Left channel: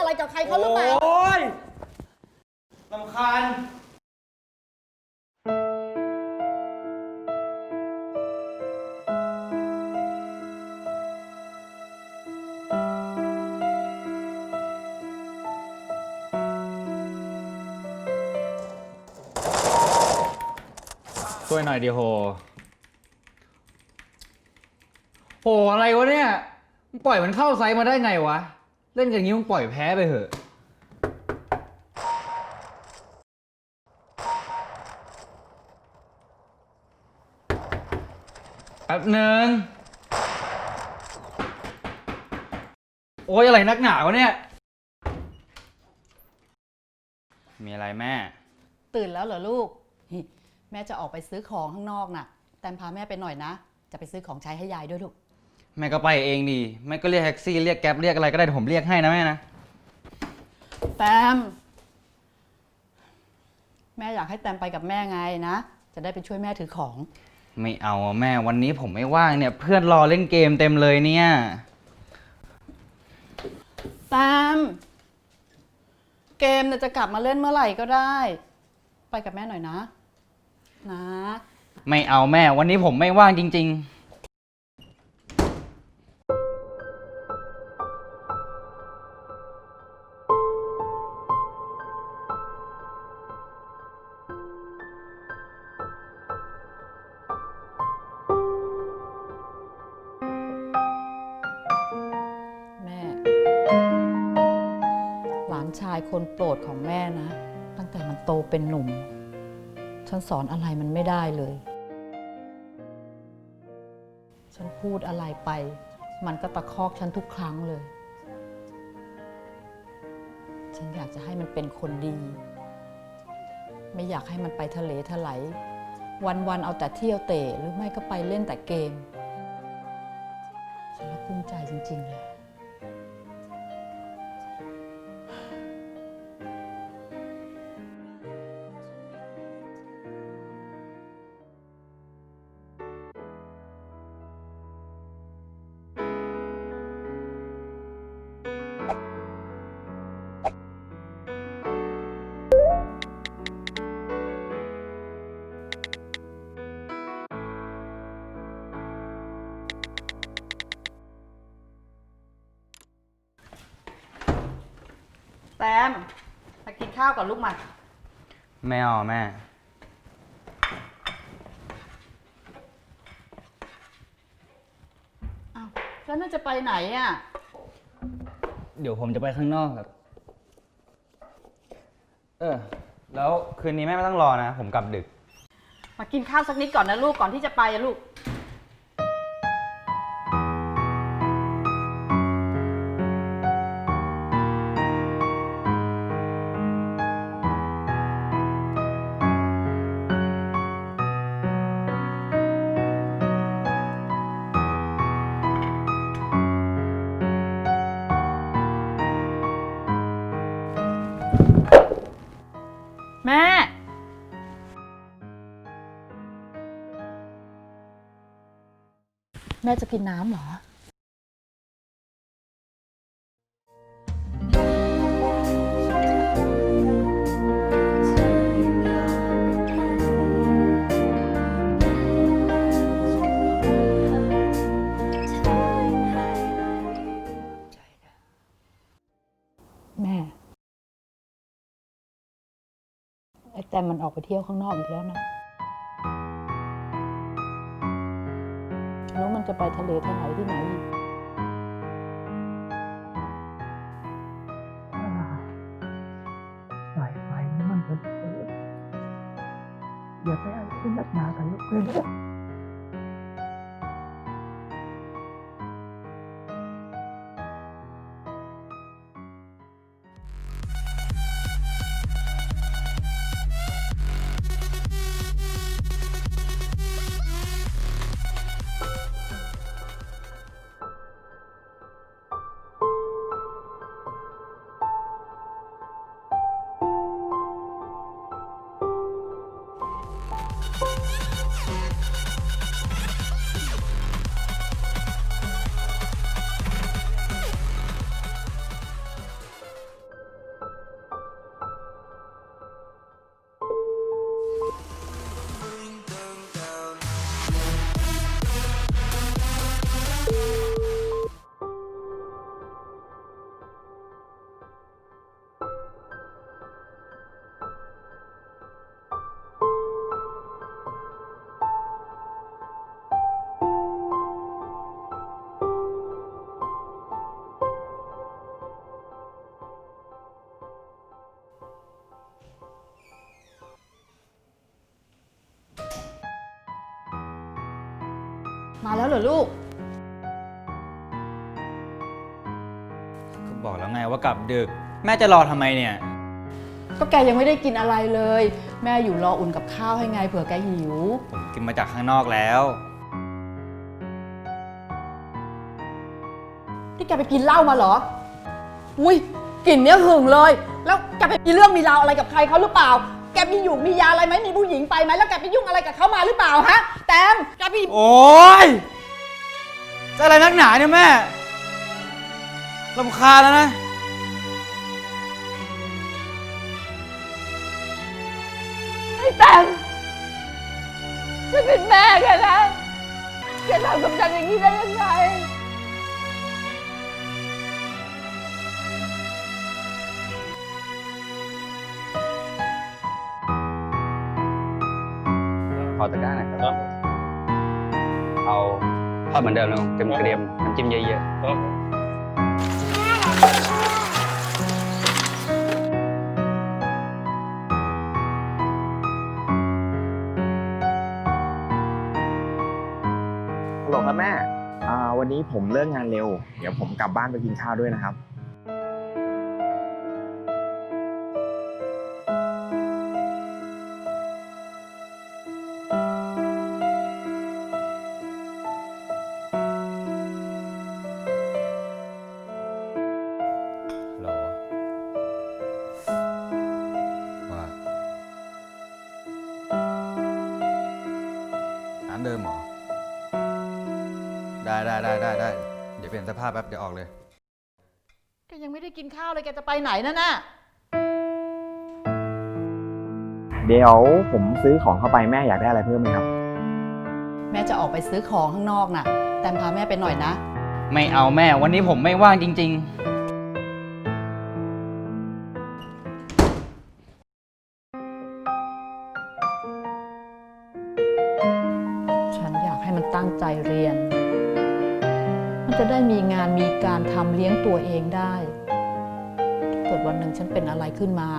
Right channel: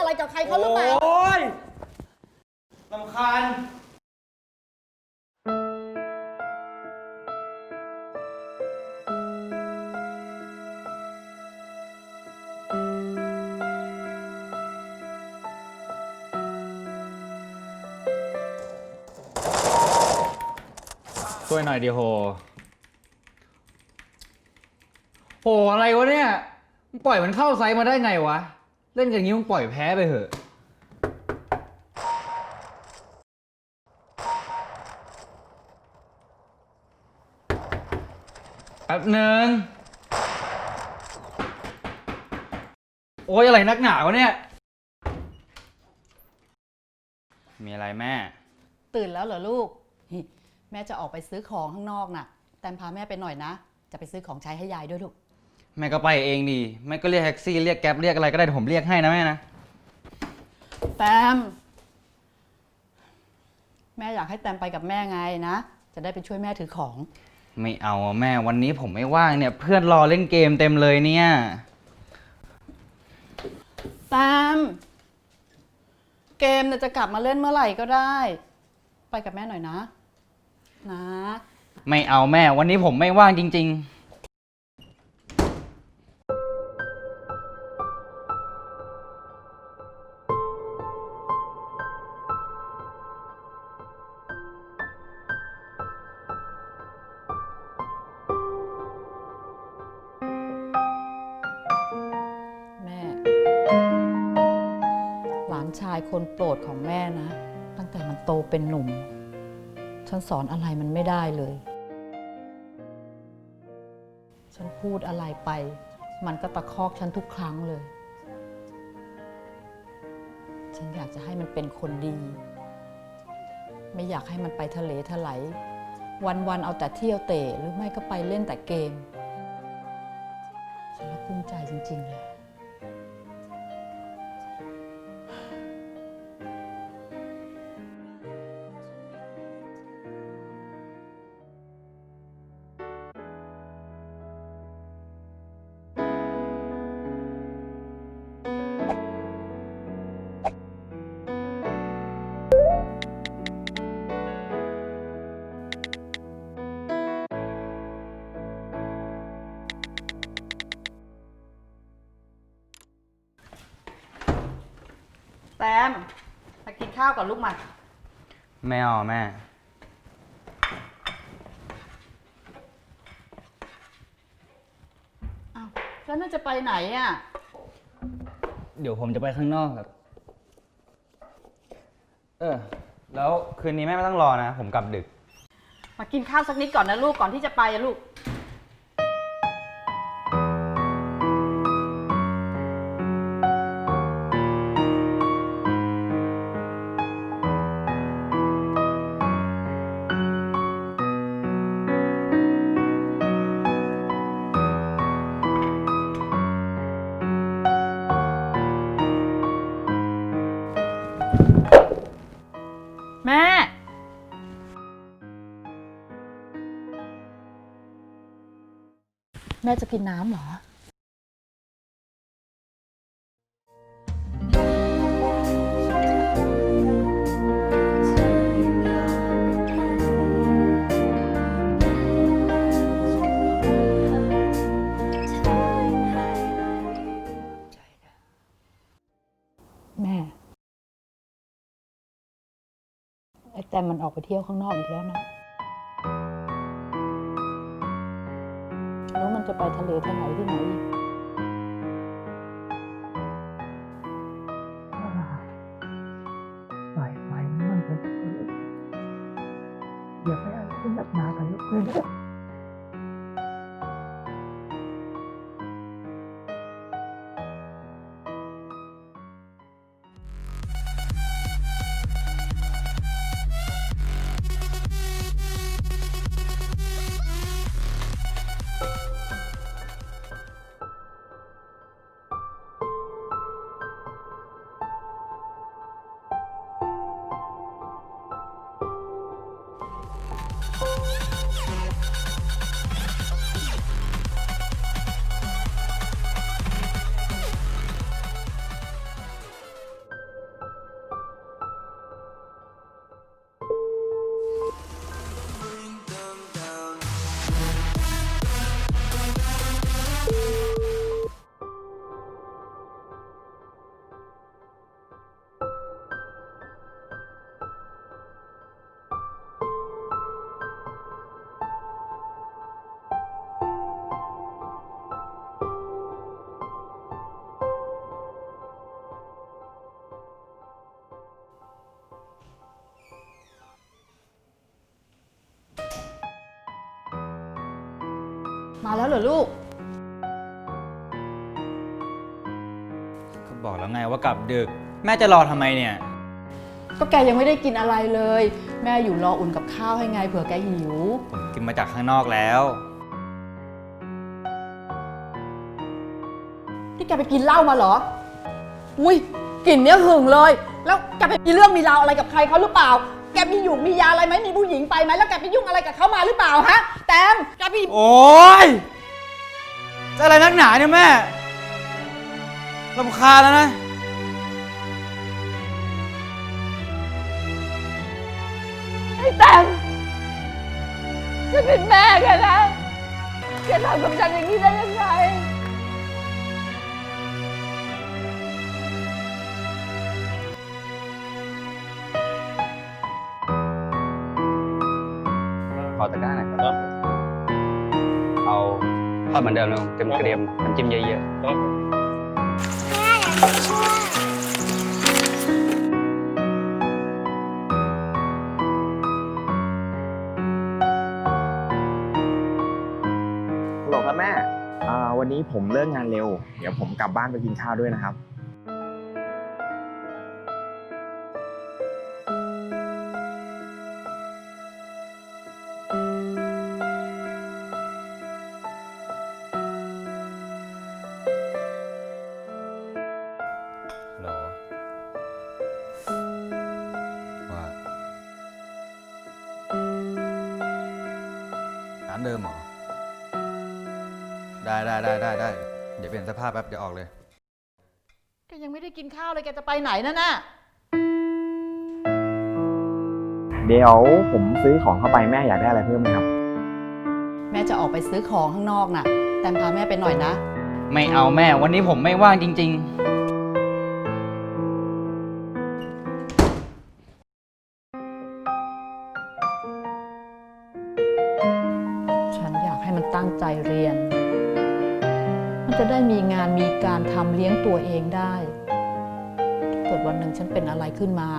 อะไรกับใครเขาหรือเปล่า โอ้ยลำคาญช่วยหน่อยดิโห โห อะไรวะเนี่ย มึงปล่อยมันเข้าไซส์มาได้ไงวะ เล่นอย่างนี้มึงปล่อยแพ้ไปเถอะ แป๊บหนึ่งโอ้ยอะไรนักหนาวะเนี่ย มีอะไรแม่ ตื่นแล้วเหรอลูกแม่จะออกไปซื้อของข้างนอกน่ะ แตมพาแม่ไปหน่อยนะ จะไปซื้อของใช้ให้ยายด้วยลูก แม่ก็ไปเองดีแม่ก็เรียกแท็กซี่เรียกแก๊ปเรียกอะไรก็ได้เดี๋ยวผมเรียกให้นะแม่นะ แตม แม่อยากให้แตมไปกับแม่ไงนะ จะได้ไปช่วยแม่ถือของ ไม่เอาอะแม่วันนี้ผมไม่ว่างเนี่ย เพื่อนรอเล่นเกมเต็มเลยเนี่ย แตม เกมเนี่ยจะกลับมาเล่นเมื่อไหร่ก็ได้ ไปกับแม่หน่อยนะ นะ ไม่เอาแม่วันนี้ผมไม่ว่างจริงแคนโปรดของแม่นะ ตั้งแต่มันโตเป็นหนุ่ม ฉันสอนอะไรมันไม่ได้เลย ฉันพูดอะไรไป มันก็ตะคอกฉันทุกครั้งเลย ฉันอยากจะให้มันเป็นคนดี ไม่อยากให้มันไปทะเลทลายวันๆเอาแต่เที่ยวเตะหรือไม่ก็ไปเล่นแต่เกม ฉันละกุ้มใจจริงๆเลย แซมมากินข้าวก่อนลูกมาๆไม่เอาแม่ อ้าวแล้วน่าจะไปไหนอะ เดี๋ยวผมจะไปข้างนอกครับ เออ แล้วคืนนี้แม่ไม่ต้องรอนะ ผมกลับดึก มากินข้าวสักนิดก่อนนะลูกก่อนที่จะไปอะลูก แม่จะกินน้ำเหรอ แม่ไอ้แตมมันออกไปเที่ยวข้างนอกอีกแล้วนะ รู้มันจะไปทะเลทางไหนที่ไหนอีกปล่อยไปมันเป็นอออย่าไปอะไรที่หนักหนากับลูกเพื่อน มาแล้วเหรอลูก ก็บอกแล้วไงว่ากลับดึก แม่จะรอทำไมเนี่ย ก็แกยังไม่ได้กินอะไรเลย แม่อยู่รออุ่นกับข้าวให้ไงเผื่อแกหิว ผมกินมาจากข้างนอกแล้ว ที่แกไปกินเหล้ามาเหรอ อุ้ยกลิ่นเนี้ยหึงเลย แล้วแกไปมีเรื่องมีราวอะไรกับใครเขาหรือเปล่าแก มีอยู่มียาอะไรไหมมีผู้หญิงไปไหมแล้วแกไปยุ่งอะไรกับเขามาหรือเปล่าฮะ แตมแกไปโอ๊ยจะอะไรนักหนาเนี่ยแม่ลำคาญแล้วนะ ไอ้แตมฉันเป็นแม่แกนะแกทำกับฉันอย่างนี้ได้ยังไง ขอตะกร้าหน่อยครับเอาทอดเหมือนเดิมเลยเกรียมๆน้ำจิ้มเยอะๆฮัลโหลครับแม่อ่าวันนี้ผมเลิกงานเร็ว เดี๋ยวผมกลับบ้านไปกินข้าวด้วยนะครับ เดิมเหรอ ได้ได้ได้ได้ได้ เดี๋ยวเปลี่ยนเสภาพแป๊บเดี๋ยวออกเลย แกยังไม่ได้กินข้าวเลยแกจะไปไหนนั่นน่ะ เดี๋ยวผมซื้อของเข้าไปแม่อยากได้อะไรเพิ่มไหมครับ แม่จะออกไปซื้อของข้างนอกน่ะ แตมพาแม่ไปหน่อยนะ ไม่เอาแม่วันนี้ผมไม่ว่างจริงฉั ตั้งใจเรียน มันจะได้มีงานมีการทำเลี้ยงตัวเองได้ถ้าเกิดวันหนึ่งฉันเป็นอะไรขึ้นมา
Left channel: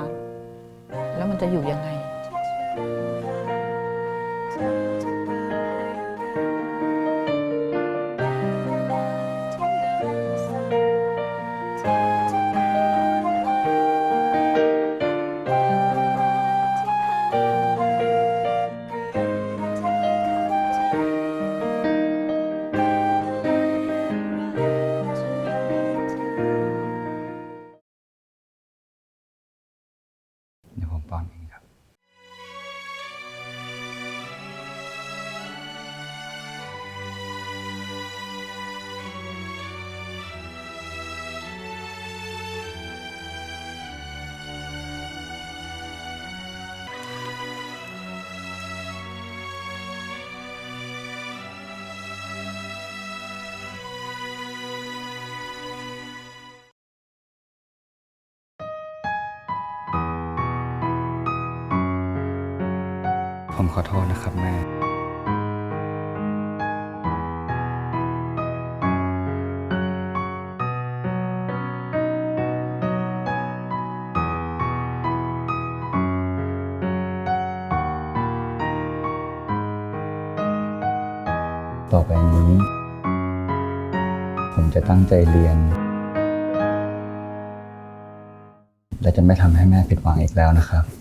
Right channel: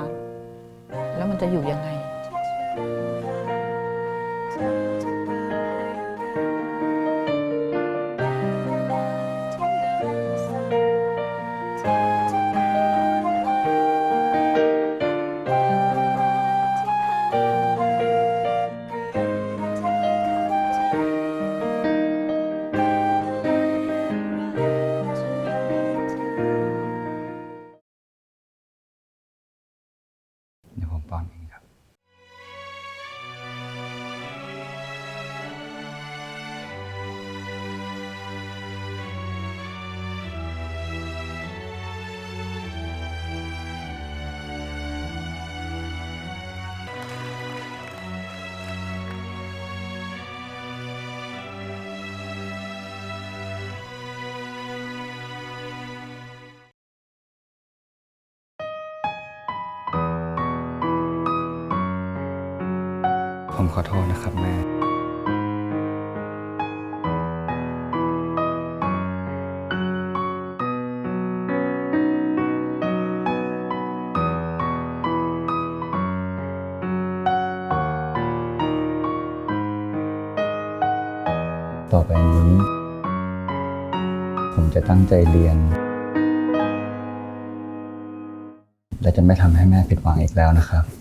แล้วมันจะอยู่ยังไง ผมขอโทษนะครับแม่ ต่อไปนี้ ผมจะตั้งใจเรียน และจะไม่ทำให้แม่ผิดหวังอีกแล้วนะครับ